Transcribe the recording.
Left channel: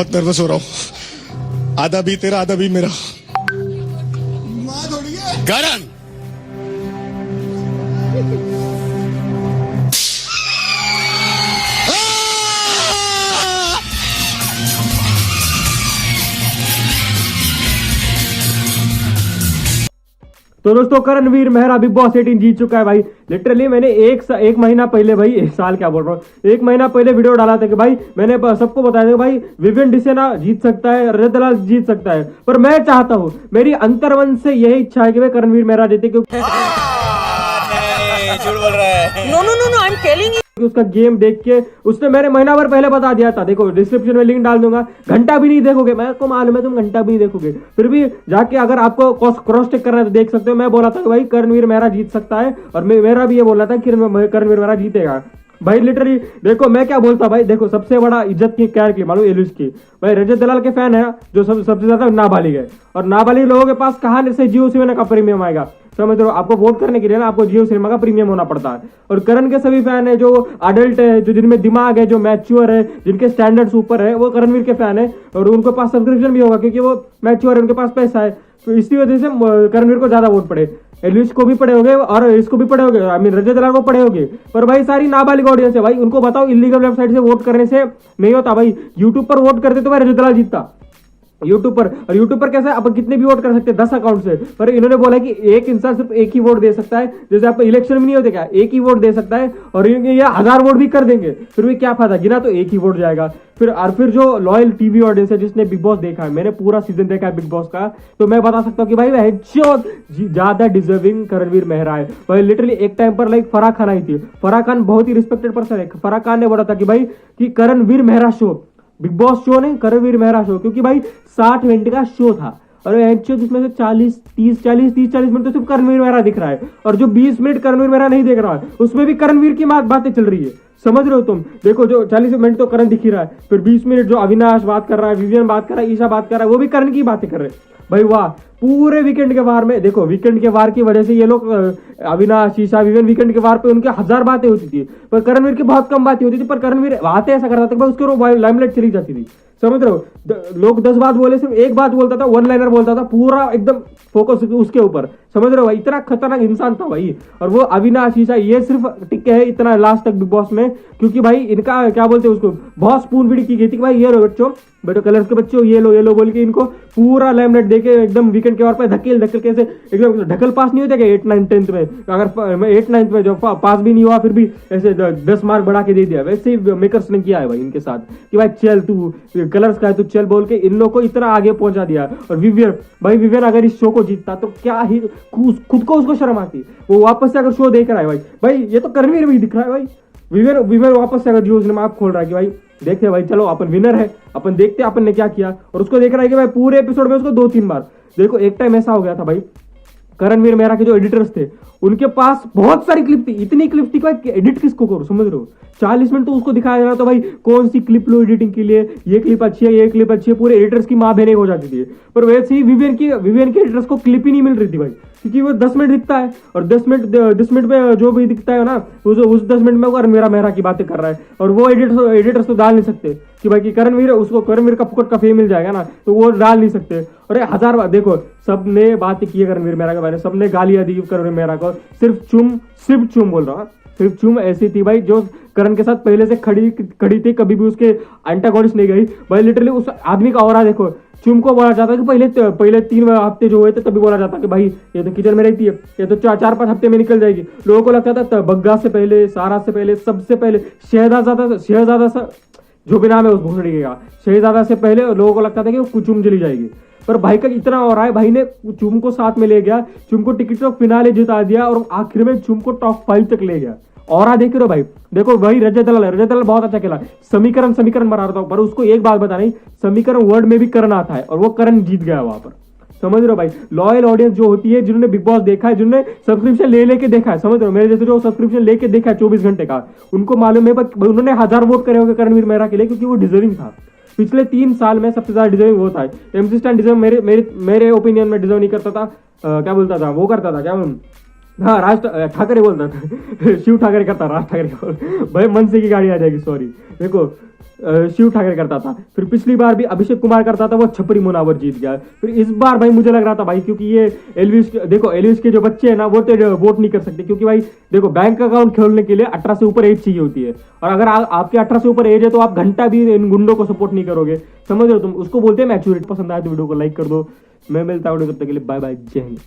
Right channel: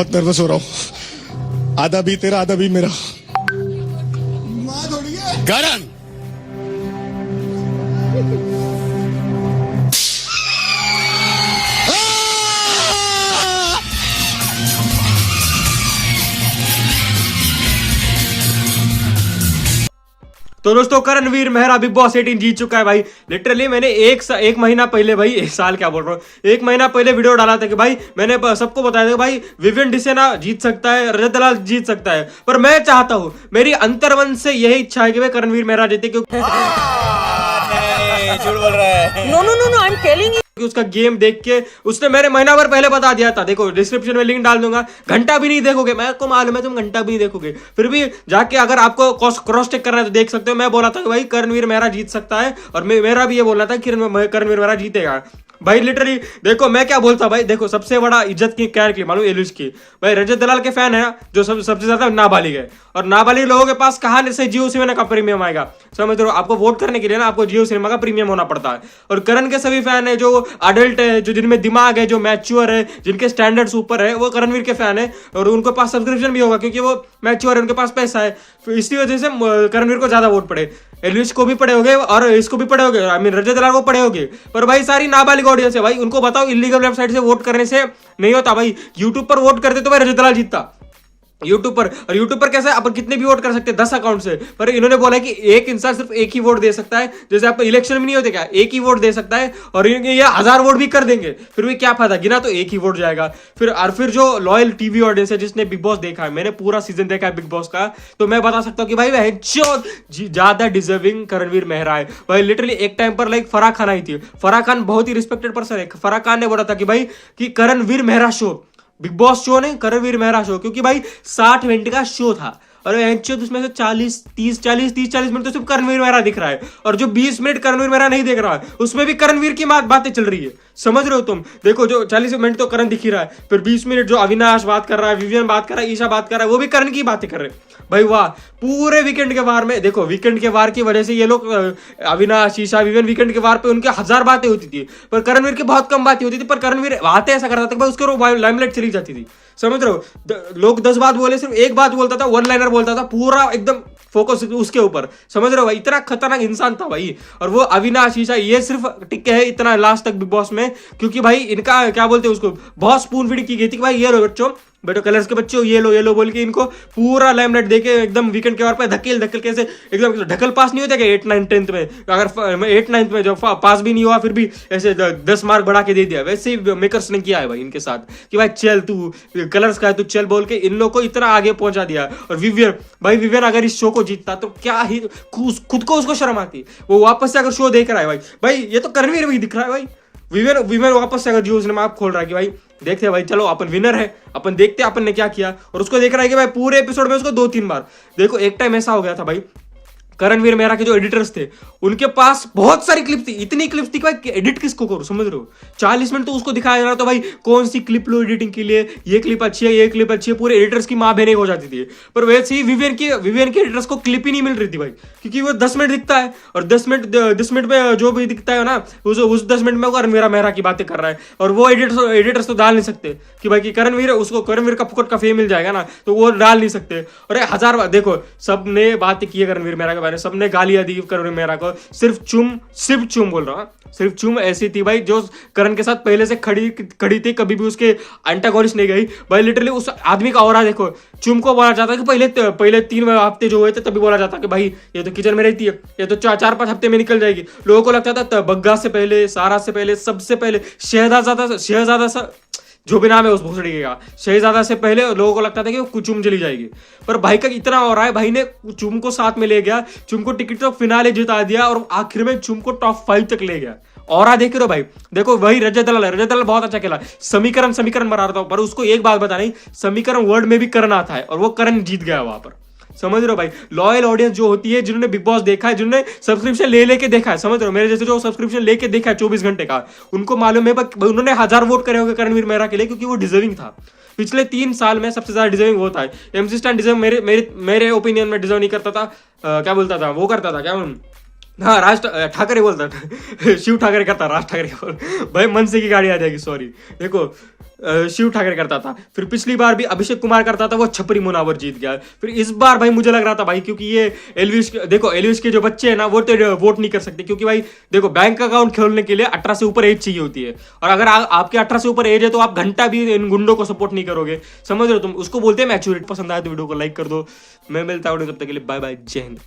बहुत नर्वस हो रहा हूँ, आधा भी तेरा आधा भी मेरा। माँ थोड़ी है करण तो दोस्तों करणवीर मेहरा बिग बॉस 18 जीत चुका है भाई। लिटरली मैंने एक महीना पहले भाई, एक साल क्या बोल रहा हूँ, एक महीना पहले वीडियो डाला था कि भाई मैंने सबको बताया था कि भाई विवियन डिसेना जीत सकता है, रजत दलाल जीत सकता है, पर मैं चाहता हूँ, मेरी अंतर्मन से यही इच्छा है कि भाई करणवीर मेहरा जीते, क्योंकि झूठ बोल रहा है। No no no no I am telling you. उसका गेम देख के उसने मेरे महीना भर पहले बता दिया था। देखो डिस्क्रिप्शन में लिंक डाल दूंगा, घंटा भी नहीं देखोगे, मैं को मालूम है तुम घंटा भी नहीं देखोगे, फिर भी जाके अगर आपको क्रॉस चेक करना है तो देख सकते हो। मैं बोला था कि भाई करणवीर मेहरा जीत सकता है, और मेरा भी ये बोलना था कि करणवीर मेहरा जीतेगा भाई। लिटरली देखो मैं क्या बोलता भाई, देखो सबसे बड़ा इज्जत की क्या निकली मालूम, एलुश की भाई। रजत दलाल के फैन है ना जो सबसे ज्यादा नाबालिग है, और नाबालिग लोगों के पास कहां से जियो सिनेमा का प्रीमियम आएगा, समझ रहे हो। आपको वोट करने के लिए ना आपको जियो सिनेमा का प्रीमियम होना पड़ता है। और करण के सभी फैन है जो अडल्ट है, जो जिनमें दिमाग है, जो मैच्योर है, जिनके स्टैंडर्ड्स ऊपर है, वो करणवीर के फैन है, और उनके पास सब्सक्रिप्शन भी होगा क्योंकि वो मैच्योर है, उनके पास पैसा है। तो इसी वजह से करणवीर को ज्यादा वोट पड़े, एलविश को भी पड़े होंगे और इसको भी पड़े होंगे, आई मीन रजत दलाल को पड़े होंगे। पर भाई सारी नाबालिग ऑडियंस है भाई, उनको बताओ इलीगल वेबसाइट से वोट करने से नहीं होता भाई। यूट्यूब पर वोट करते तो भाई रजत दलाल जीतता यूट्यूब पर। और यूट्यूब पर कैसे अपन कितने भी वोट कर सकते हैं 10 अकाउंट से, पर इन्होंने बोला कि एक इंसान सिर्फ एक ही वोट दे सकता है, जैसे आप इलेक्शन में नहीं होते क्या, एक ही वोट दे सकता है, और ये 1000 वोट भी कर देंगे फिर भी क्या फायदा, गिना तो एक ही वोट जाएगा। फिर जो लॉयल टीवी ऑडियंस है जिसने बिग बॉस देखा है, मैंने पूरा सीजन देखा है बिग बॉस का, तो मैं बता सकता हूँ कि भाई ज्यादा डिजर्विंग करणवीर मेहरा है भाई। लिटरली एक टाइम पर लाइक फराह खान आई थी, फराह खान बहुत ही रिस्पेक्टेड पर्सन है, फराह खान ने बोला था कि भाई कि Karanveer Mehra show, Bigg Boss show नहीं करणवीर मेहरा शो, क्योंकि भाई 60 मिनट का शो था, और उसमें से 40 मिनट तो सिर्फ करणवीर मेहरा दिख रहा है, और जो 20 मिनट करणवीर मेहरा नहीं देख रहा है उसमें भी करणवीर की बातें चल रही है, समझ रहे हो तुम। देखो जो 40 मिनट तो करण दिख ही रहा है, फिर 20 मिनट जो अविनाश बात कर रहा है, विवियन बात कर रहा है, ईशा बात कर रहा है, वो भी करण की बातें कर रहे हैं भाई। वाह, पूरे वीकेंड के वार में देखो, वीकेंड के वार की वजह से ये लोग अविनाश, ईशा, विवियन वीकेंड के वार पे उनके 1000 बातें होती थी, पर करणवीर की बहुत कम बातें होती थी। पर करणवीर बातें ऐसा करता था कि भाई उसके लाइमलाइट चली जाती थी, समझ रहे हो। लोग 10 बात बोले, सिर्फ एक बात बोलता था, वन लाइनर बोलता था, पूरा एकदम फोकस उसके ऊपर, समझ रहे हो भाई। इतना खतरनाक इंसान था भाई। और वो अविनाश, ईशा ये सिर्फ टिके है इतना लास्ट तक बिग बॉस में, क्योंकि भाई इनका क्या बोलते हैं उसको, बहुत स्पून फीडिंग की गई थी कि भाई ये लो बच्चों, बेटो कलर्स के बच्चों ये लो बोल के इनको पूरा लाइमलाइट देके एकदम वीकेंड के वार पे धकेल के ऐसे एकदम ढकल पास नहीं होता क्या 8, 9, 10th में, अगर 8, 9th में जो पास भी नहीं हुआ फिर भी ऐसे 10 मार्क बढ़ा के दे दिया, वैसे ही मेकर्स ने किया है भाई इनके साथ कि भाई चल तू कलर्स का है तू चल बोल के इन लोग को इतना आगे पहुंचा दिया। और विवियन अगर इस शो को जीतता तो क्या ही खुद को उसको शर्म आती, वो वापस से अगर शो देख रहा है भाई ये तो करणवीर भी दिख रहा है भाई। विवियन वापस से अगर जियो सिनेमा आप खोल रहा है कि भाई देखते हैं भाई, चलो अपन विनर है, अपन देखते हैं अपन ने क्या किया, और उसको देख रहा है कि भाई पूरे एपिसोड में उसको 2-3 बार देखो। एक टाइम ऐसा हो गया था भाई, करणवीर मेहरा के जो एडिटर्स थे उनके पास बहुत सारी क्लिप थी, इतनी क्लिप थी कि भाई एडिट किसको करो, समझ रहे हो। 40 मिनट तो उसको दिखाया जा रहा, तो भाई कौन सी क्लिप लो एडिटिंग के लिए, ये क्लिप अच्छी है, ये क्लिप अच्छी है, पूरे एडिटर्स की माँ बहने हो जाती थी। पर वैसे ही विवियन के एडिटर्स को क्लिप ही नहीं मिल रही थी भाई, क्योंकि वो 10 मिनट दिखता है, और 10 मिनट में जो भी दिखता है ना उस 10 मिनट में वो करणवीर मेहरा की बातें कर रहा है, और वो एडिटर्स तो डाल नहीं सकते कि भाई कि करणवीर का फुकट का फेम मिल जाएगा ना, तो वो डाल नहीं सकते। और 1000 बार देखो सबने बातें की है करणवीर मेहरा के बारे में, सबने गालियां दी करणवीर मेहरा को, सिर्फ चुम बोल रहा हूँ, सिर्फ चुम ऐसी थी भाई जो करण के साथ पहले से खड़ी थी, कभी भी उसके एंटागोनिस्ट नहीं गई भाई। लिटरली उस आदमी का ऑरा देखो। चुम को बोला जाता है कि पहले 3 हफ्ते जो हुए थे तभी बोला जाता कि भाई ये तो किचन में रहती है, ये तो 4-5 हफ्ते में निकल जाएगी। लोगों को लगता था बग्गा से पहले, सारा से पहले, सबसे पहले, शहजादा सा जो भी नाम है उस भोसड़ी का, शहजादा से पहले लोगों को लगता था कि वो चुम चली जाएगी। पर भाई का इतना हो रहा है, भाई ने चुम को साथ में ले गया, चुम को टिकट तो फिनाले जिता दिया, और आखिर में चुम को टॉप 5 तक ले गया। और देख रहे हो भाई, देखो वही रजत दलाल बहुत अच्छा खेला, समीकरण बना रहा था, पर उसको एक बात बता नहीं, समीकरण वर्ड में भी करण आता है, और वो करण जीत गया वहां पर, समझ रहे हो भाई। लॉयल ऑडियंस जो होती है, जिन्होंने बिग बॉस देखा है, जिन्होंने सब्सक्रिप्शन लेके देखा है, समझ रहे हो, मेरे जैसे जो सब्सक्रिप्शन लेके देखा है 24 घंटे का, उनको मालूम है उन्होंने 1000 वोट करे होंगे करणवीर मेहरा के लिए, क्योंकि वो डिजर्विंग था। पिछले 3 साल में सबसे ज्यादा डिजर्विंग होता है MC स्टैन, डिजर्व मेरे ओपिनियन में डिजर्व नहीं करता था, क्या बोलता था वो, करता था क्या हाँ राज ठाकरे बोलता शिव ठाकरे करता, राज ठाकरे बोल भाई, मनसे की गाड़ी आ जाएगी, सॉरी। देखो शिव ठाकरे करता था, फिर पिछली बार भी अभिषेक कुमार करता था, वो छपरी मुनावर जीत गया। फिर इस बार भाई मुझे लग रहा था भाई, क्योंकि ये एलविश, देखो एलविश के जो बच्चे हैं ना वो तो वोट नहीं कर सकते, क्योंकि भाई देखो बैंक अकाउंट खोलने के लिए 18 से ऊपर एज चाहिए होती है, और अगर आपके 18 से ऊपर एज है तो आप घंटा भी इन गुंडों को सपोर्ट नहीं करोगे, समझ रहे हो तुम, उसको बोलते हैं मैच्योरिटी। पसंद आया तो वीडियो को लाइक कर दो, मैं मिलता हूँ तब तक के लिए, बाय बाय, जय हिंद।